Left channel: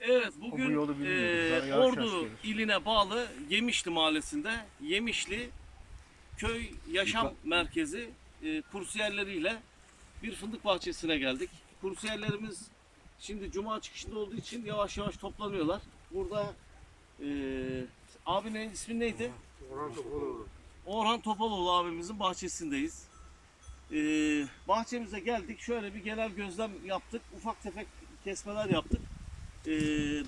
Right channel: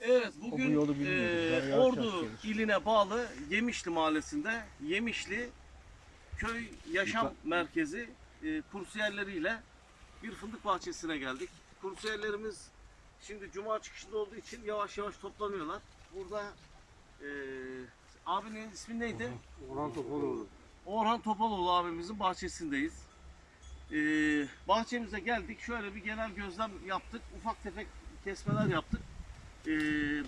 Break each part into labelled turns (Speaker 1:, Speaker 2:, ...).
Speaker 1: Evet
Speaker 2: bu
Speaker 1: bugün
Speaker 2: bilmiyoruz.
Speaker 1: e, Ordu iline bağlı Yemişli mahallesinde Yemişli köy yaşam
Speaker 2: Yuka-
Speaker 1: merkezi e, kursiyerleriyle bir fındık bahçesine geldik. Kursiyerlerimiz şimdi cuma çıkışında olduğu için yavaş yavaş toplanıyorlar. Burada e, abinin ismi neydi?
Speaker 3: Orhan Topaloğlu.
Speaker 1: Orhan Topaloğlu abimizin bahçesindeyiz. Ee, bahçemize geldik. Şöyle bir genel gözlem yaptık. Ufak tefek kesmeler yaptık. Ee,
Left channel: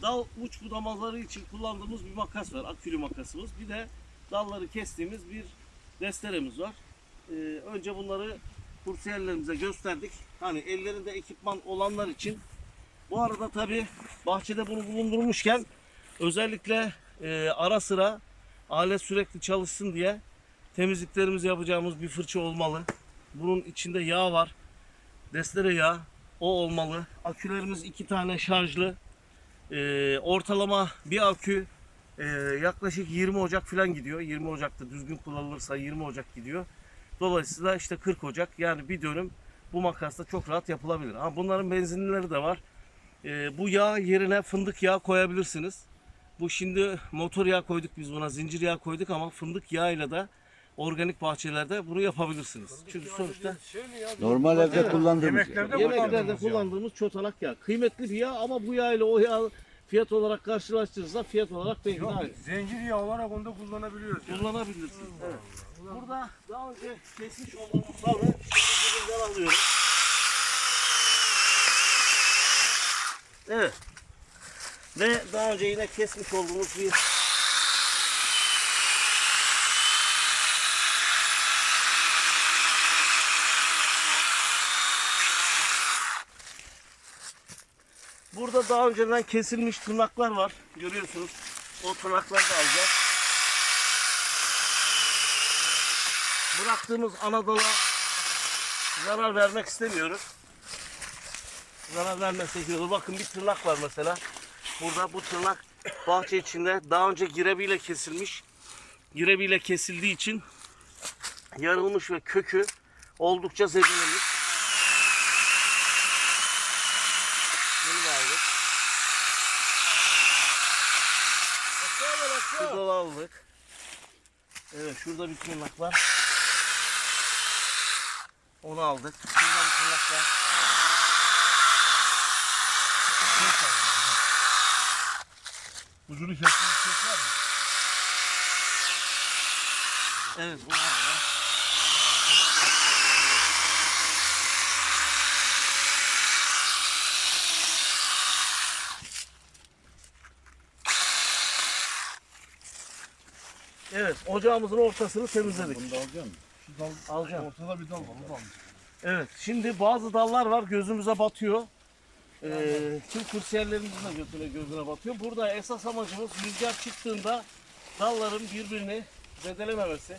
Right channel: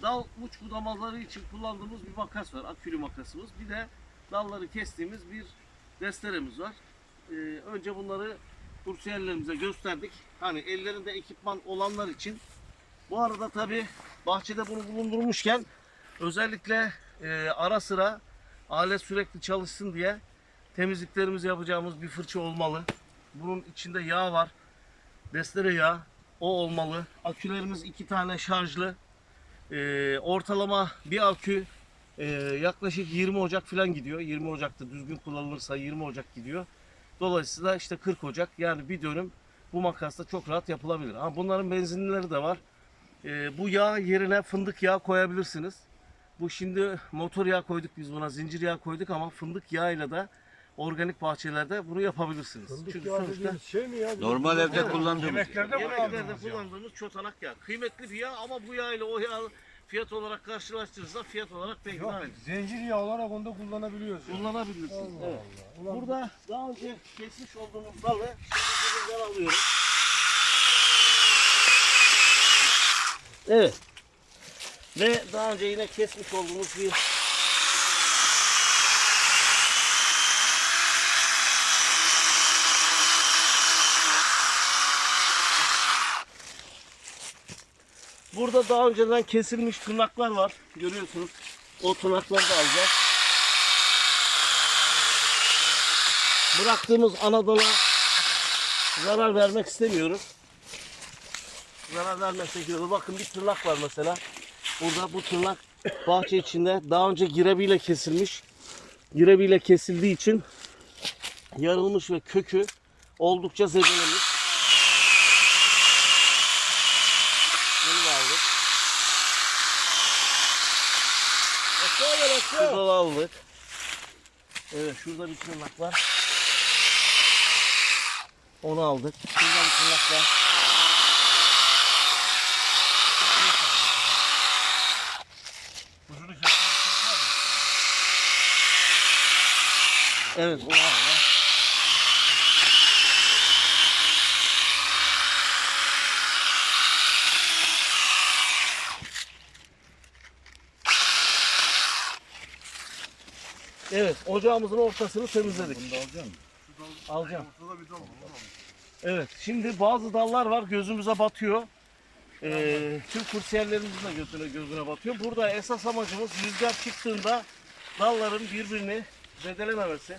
Speaker 1: dal uç budamaları için kullandığımız bir makas var. Akülü makasımız. Bir de dalları kestiğimiz bir desteremiz var. Ee, önce bunları kursiyerlerimize gösterdik. Hani ellerinde ekipman olanlar için. Bu arada tabi bahçede bunu bulundurmuşken özellikle e, ara sıra alet sürekli çalışsın diye temizliklerimizi yapacağımız bir fırça olmalı. Bunun içinde yağ var. Destere yağı. O olmalı. Akülerimiz iki tane şarjlı. Ee, ortalama bir akü e, yaklaşık 20 Ocak falan gidiyor. 20 Ocak'ta düzgün kullanılırsa 20 Ocak gidiyor. Dolayısıyla işte 40 Ocak yani bir dönüm bu makasla çok rahat yapılabilir. Ha, bunların benzinlileri de var. Ee, bu yağ yerine fındık yağı koyabilirsiniz. Bu şimdi motor yağı koyduk biz buna, zincir yağı koyduk ama fındık yağıyla da organik bahçelerde bunu yapabilirsiniz. Çünkü sonuçta
Speaker 3: Şey mi ya?
Speaker 4: Normal evde kullandığımız.
Speaker 3: Yemeklerde
Speaker 1: yemeklerde
Speaker 3: kullandığımız yağ.
Speaker 1: kullandığımız çotanak yağ. Kıymetli bir yağ ama bu yağ ile o yağ fiyat olarak karşılaştırırsa fiyat olarak pek
Speaker 3: Yok,
Speaker 1: aynı.
Speaker 3: zincir yağ olarak onu da kullanabiliyoruz. ya.
Speaker 1: Kullanabilirsiniz.
Speaker 3: Allah
Speaker 1: Evet.
Speaker 3: Allah. Ulan
Speaker 1: Burada daha önce kesmiş olduğumuz dalı şimdi dibinden alıyorum. Evet. Ve daha önce yine kesmiş olduğumuz bir Burada daha önceden kesilmiş tırnaklar var. Görüyorsunuz. O tırnakları da alacağız. bıraktığımız Anadolu'ya zarar vermek istemiyoruz. Zarar vermesek iyi olur. Bakın bir tırnak var mesela. Burada bu tırnak bahçe içinde daha önce girebiyle kesilmiş. Girebiyle kesildiği için yarılmış ve kökü oldukça zedelemiş. Bunu da aldık. Şurada da aldık. Evet şurada bir tırnak var. Onu aldık. Şurada bir tırnak var.
Speaker 3: Ucunu kesmiş kes var?
Speaker 1: Evet bunu aldık. Evet, ocağımızın ortasını temizledik.
Speaker 2: Bunu da alacak mısın?
Speaker 1: Alacağım.
Speaker 3: Ortada bir dal var.
Speaker 1: Evet, şimdi bazı dallar var gözümüze batıyor. Ee, tüm kursiyerlerimizin de gözüne, gözüne batıyor. Burada esas amacımız rüzgar çıktığında dalların birbirini zedelememesi.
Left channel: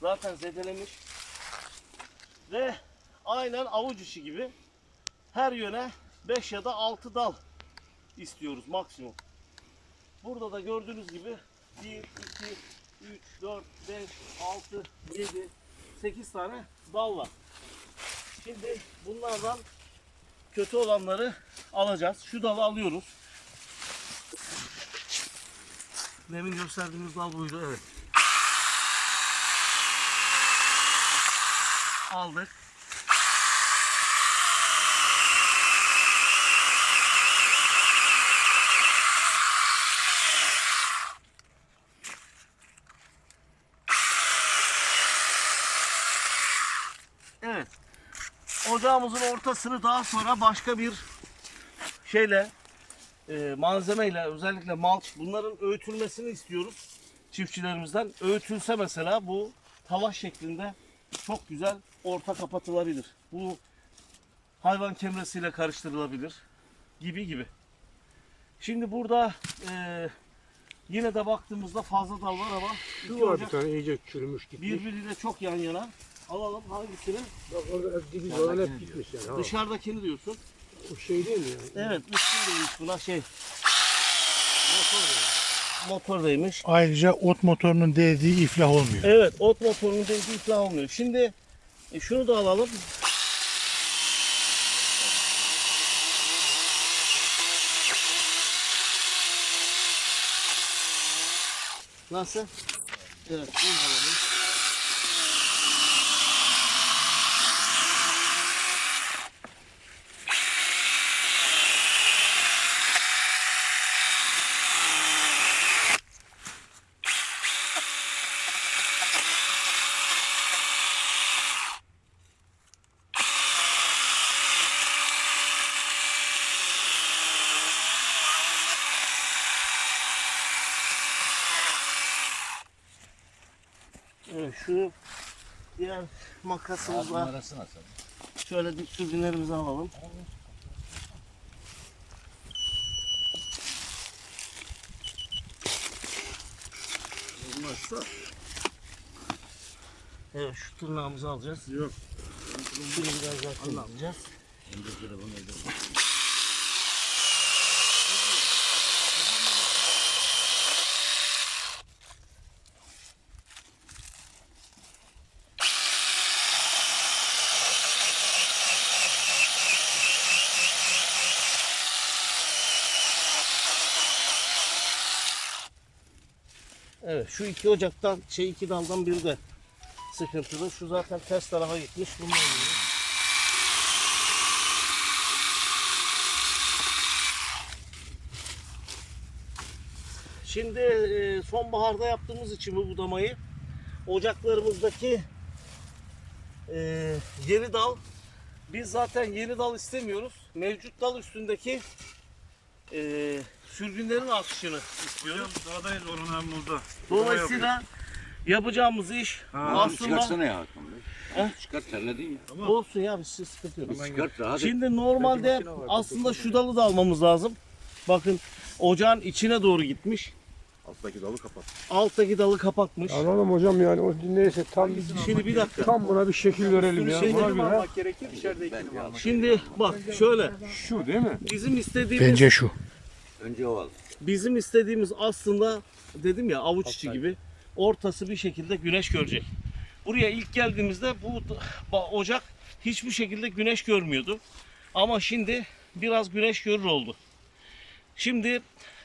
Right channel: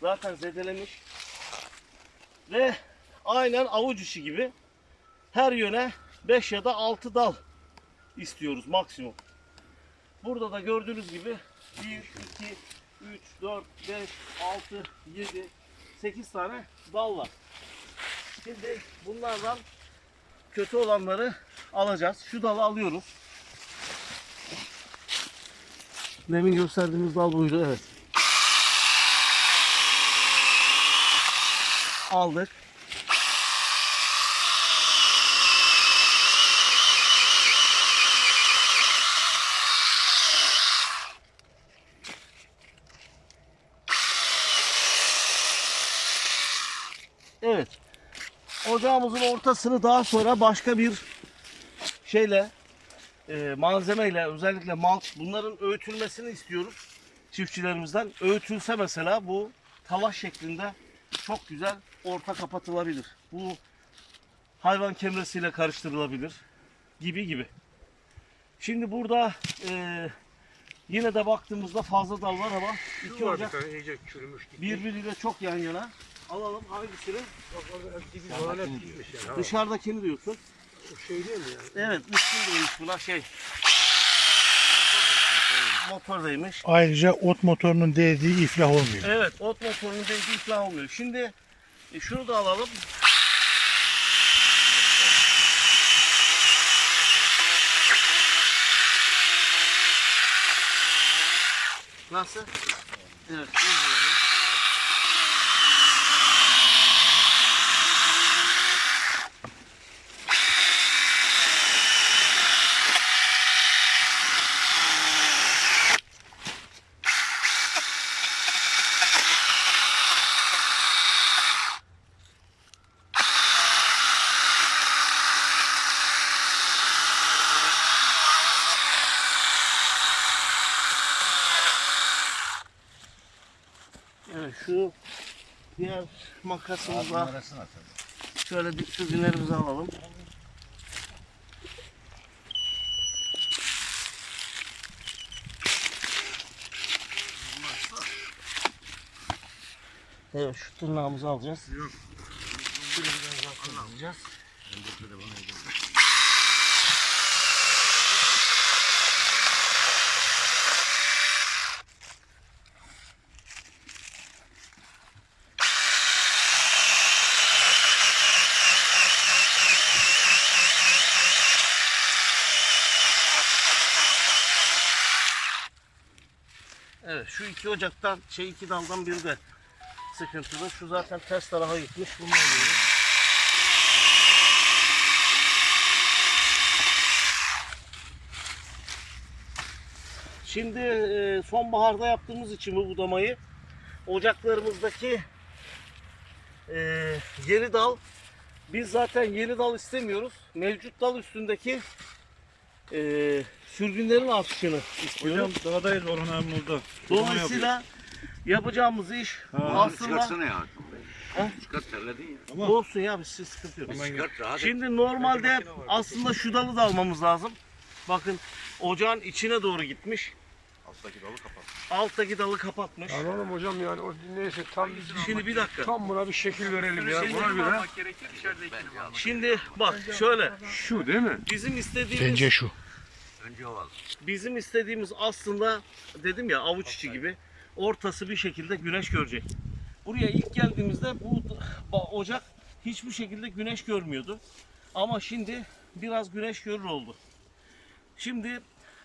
Speaker 1: Zaten zedelemiş. Ve aynen avuç içi gibi her yöne 5 ya da 6 dal istiyoruz maksimum. Burada da gördüğünüz gibi 1, 2, 3, 4, 5, 6, 7, 8 tane dal var. Şimdi bunlardan kötü olanları alacağız. Şu dalı alıyoruz. Demin gösterdiğimiz dal buydu. Evet. Aldık. Evet. Ocağımızın ortasını daha sonra başka bir şeyle e, malzemeyle özellikle malç bunların öğütülmesini istiyoruz çiftçilerimizden. Öğütülse mesela bu talaş şeklinde çok güzel orta kapatılabilir. Bu hayvan kemresiyle karıştırılabilir gibi gibi. Şimdi burada e, yine de baktığımızda fazla dal var ama iki
Speaker 3: Şu
Speaker 1: ocak
Speaker 3: iyice çürümüş gitmiş.
Speaker 1: birbiriyle çok yan yana. Alalım hangisini?
Speaker 3: Yani.
Speaker 1: Dışarıdakini diyorsun.
Speaker 3: O şey değil mi yani?
Speaker 1: Evet üstün demiş buna şey. Motor değmiş.
Speaker 5: Ayrıca ot motorunun değdiği iflah olmuyor.
Speaker 1: Evet ot motorunun değdiği iflah olmuyor. Şimdi e, şunu da alalım. Nasıl? Evet. Bunu alalım. Şu diğer makasımızla şöyle dik dürbünlerimizi alalım. Evet şu tırnağımızı alacağız. Yok. Biraz daha tırnaklayacağız. Evet şu iki ocaktan şey iki daldan biri de sıkıntılı. Şu zaten ters tarafa gitmiş. Bundan geliyor. Şimdi e, sonbaharda yaptığımız için bu budamayı ocaklarımızdaki e, yeni dal biz zaten yeni dal istemiyoruz. Mevcut dal üstündeki e, sürgünlerin artışını istiyoruz.
Speaker 2: Doğadayız onun burada.
Speaker 1: Dolayısıyla yapacağımız iş aslında
Speaker 4: Çıkartsana ya.
Speaker 1: He?
Speaker 4: Çıkart terledin ya.
Speaker 1: olsun ya bir şey sıkıntı yok.
Speaker 4: Çıkart rahat et.
Speaker 1: Şimdi normalde aslında şu dalı da almamız lazım. Bakın ocağın içine doğru gitmiş.
Speaker 4: Alttaki dalı kapat.
Speaker 1: Alttaki dalı kapatmış.
Speaker 3: Anladım hocam yani o neyse tam
Speaker 1: Şimdi bir dakika.
Speaker 3: tam buna bir şekil verelim ya.
Speaker 1: Şey-
Speaker 3: Buna göre.
Speaker 1: Şimdi bak şöyle
Speaker 3: Şu değil mi?
Speaker 1: bizim istediğimiz
Speaker 5: Bence şu.
Speaker 4: Önce o al.
Speaker 1: bizim istediğimiz aslında dedim ya avuç içi gibi ortası bir şekilde güneş görecek. Buraya ilk geldiğimizde bu ocak hiçbir şekilde güneş görmüyordu. Ama şimdi biraz güneş görür oldu. Şimdi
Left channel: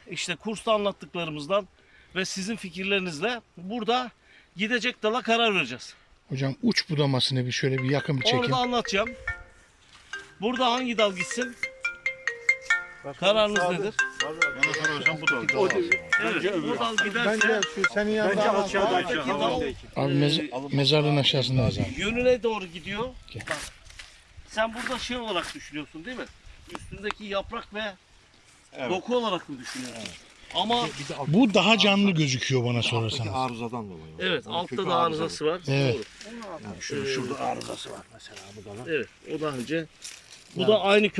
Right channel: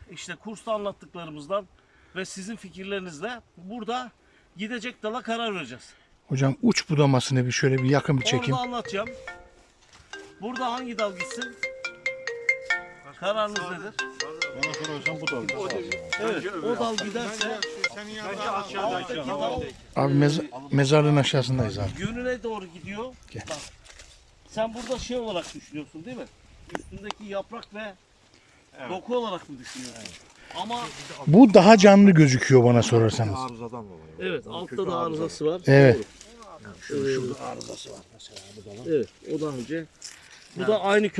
Speaker 1: işte kursta anlattıklarımızdan ve sizin fikirlerinizle burada gidecek dala karar vereceğiz.
Speaker 5: Hocam uç budamasını bir şöyle bir yakın bir çekin.
Speaker 1: da anlatacağım. Burada hangi dal gitsin? Kararınız nedir?
Speaker 2: Bana sorarsan bu da.
Speaker 1: Evet, o dal giderse
Speaker 5: senin
Speaker 2: aşağıda
Speaker 1: alttaki dal
Speaker 5: Abi mez- mezarlığın aşağısındayız abi.
Speaker 1: yönüne doğru gidiyor.
Speaker 5: Gel.
Speaker 1: Bak, sen burada şey olarak düşünüyorsun değil mi? Üstündeki yaprak ve doku olarak mı düşünüyorsun? Ama
Speaker 5: Bu daha canlı gözüküyor bana sorarsanız.
Speaker 4: Arızadan dolayı.
Speaker 1: evet altta da arızası var.
Speaker 5: Evet.
Speaker 1: Doğru. Ee, Evet o daha önce. Bu da aynı kök